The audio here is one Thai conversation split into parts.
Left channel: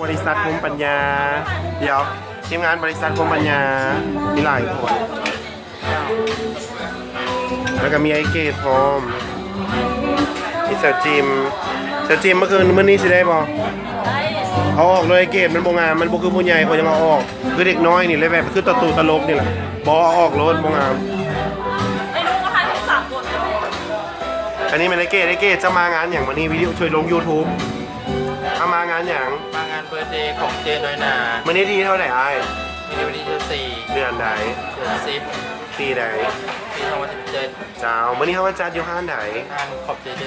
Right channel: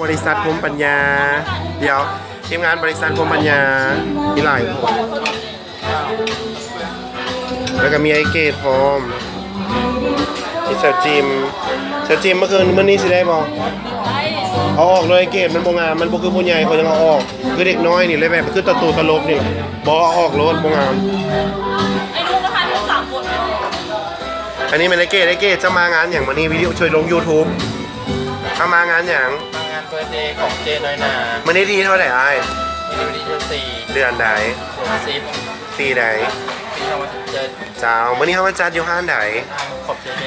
บริษัทคมปัญญาเดี๋ยวทีมงานบริษัทคมปัญญามีหลายคนแล้วก็มีไอเกตพร้อมมีเซอร์จิมเมื่อคืนนี้สิได้บ่เอาออกเลยไอเกตมันบ่งามมันบ่คือผู้ใหญ่เขายังเอาออกคือเด็กน้อยนี่เลยแบบคือตลกนี่แหละบ่เอาออกรถบ่งามไอ้นุ๊กนะคะทั้ง3 คน อันนี้เป็นไอเกตจะมางานอย่างวันนี้วิดีโอช่วยลง YouTube ถ้ามางานอย่างมางานเบิร์ธเดย์ของเจน้อยนามันนี้ที่เท่าไหร่ไอ้ที่วันที่4เดือนใดเดือน10ปีใดปี2017เจ้าวันนี้เขามาจัดอยู่ห้านใดทางขอบเจเจ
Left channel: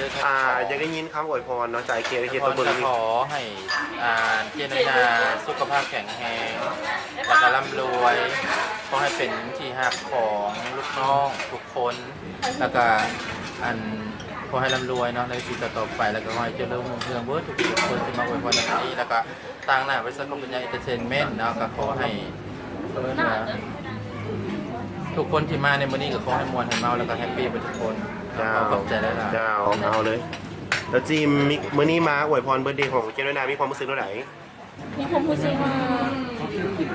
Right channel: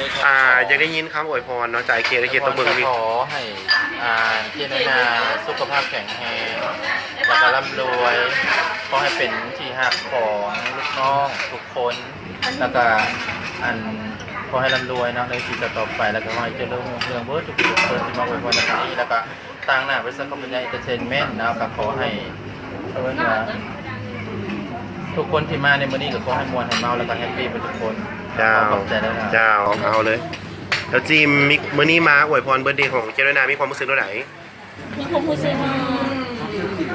อยากได้ยินคำอวยพรเนาะจากเกตตัวเบิ่งนี่ขอให้เจน้อยนาสุขภาพแข็งแรงแล้วก็ร่ำรวยขอให้เป็นที่ฮักของลูกน้องทุกคนแล้วก็ขอให้ร่ำรวยเนาะในชีวิตต่อไปแล้วก็ขอให้เจริญรุ่งเรืองเบิร์ดทุกคนที่มาอวยพรในครั้งนี้แล้วก็ตั้งหน้าบริษัทคอมพานีเอนเตอร์เทนเมนต์นะก็ขอให้ทุกคนที่มาในมื้อนี้ก็ขอให้มวลให้เมาแล้วก็แฮปปี้ไปทุกคนขอบใจแล้วนะเจ้าเอาเลยแล้วจีมมื้อนี้มาอวยพรเบิร์ดเดย์ของเจริญนามีความรู้สึกเท่าไหร่มีความรู้สึก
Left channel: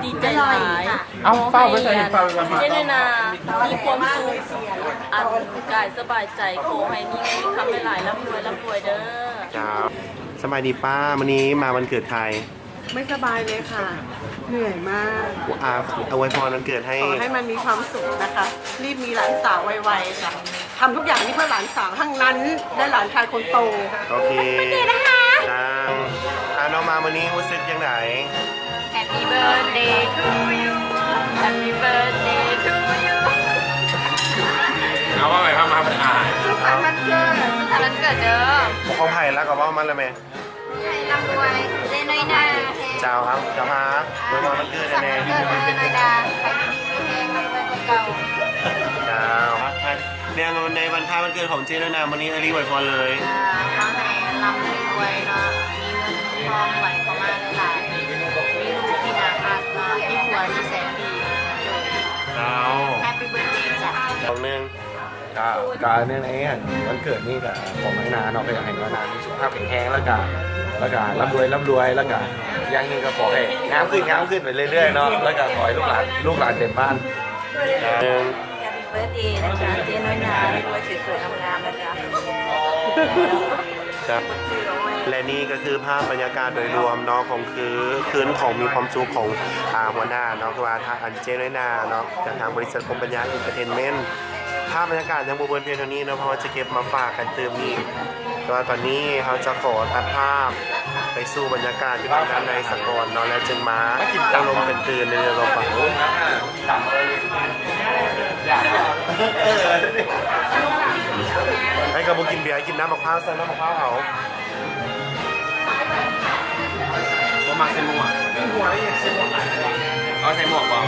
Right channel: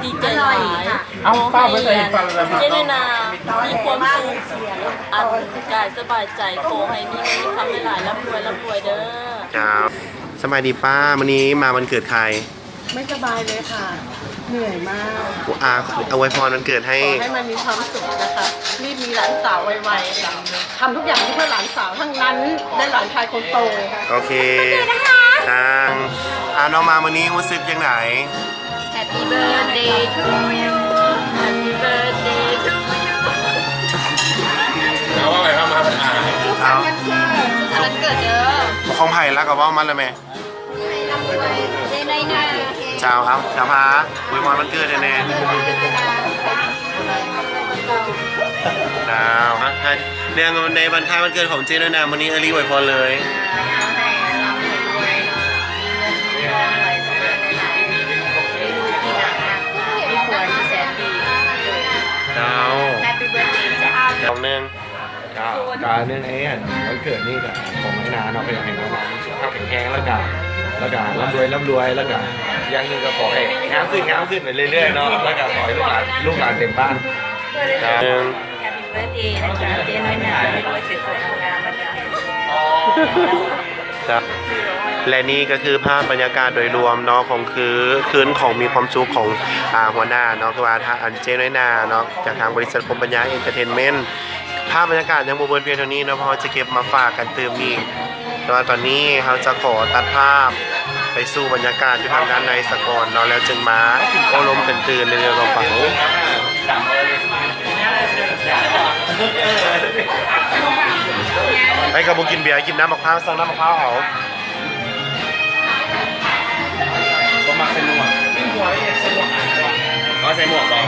ดีใจหลายเอาเป้าไปใส่เป้าไปมาเจริญนามีความสุขอันกายสบายใจขอให้มีคำหลายร่ำรวยเด้อเจ้าสบายดีป้ามื้อนี้มาวันเกิดใครไม่สบายเลยค่ะเหนื่อยมากอวยพรวันเกิดให้มันมีความสุขนะคะรีบมีหลานสาวไวๆค่ะทำทุกอย่างเพื่อหลานสาวทั้งนั้นได้หลานชายคนโตโอเคทางน้องมาวันนี้รู้สึกยังไง Happy birthday to you Happy birthday to you เอาอะไรครับมาผมวันเกิดเด้อของไผ่แล้วก็ว่ามันเลยไหมร่ำรวยเจน้อยนาเจ้าครับเจ้าพาอวยพรวันเกิดแน่เจ้าเรื่องในวันคล้ายวันเกิดของเจด้วยนะวันนี้รีบอวยพรเลยเจ้าของหนึ่งการเนื่องไอ้วันเกิดนี่กับของไอ้นาเนาะไปอย่างไอ้นาสุขภาพแข็งแรงแล้วก็ร่ำรวยแล้วก็อย่างนึงก็ขอให้งามขึ้นไปเรื่อยๆเนาะแล้วก็ขอให้ลูกหลานเต็มบ้านหนึ่งแฮปปี้เบิร์ธเดย์นะคะเจน้อยนาไม่รวยสวยๆงามๆนะจ๊ะและนี่ก็คือภาพบรรยากาศโดยรวมเนาะของคืนของมีความสุขของหัวหน้าเนาะคือว่าทางเจน้อยนาเนาะจากทางบริษัทคมปัญญาเอนเตอร์เทนเมนต์ภาพบรรยากาศยังบนเพียงเท่านี้เนาะเพราะจะเก็บมาฝากกันเติมนี่แต่ว่าตอนนี้เขาจะขอตัดภาพไปสู่บรรยากาศที่ทางด้านในสกลเนาะแล้วจึงมาเอาลมกันตื่นในเรือกระเป๋าไอ้กระบุกินเบียร์กินน้ำมะพร้าวสั่งน้ำมะพร้าวเอาก็มาใส่หมวกเอาใส่หมวกเปล่า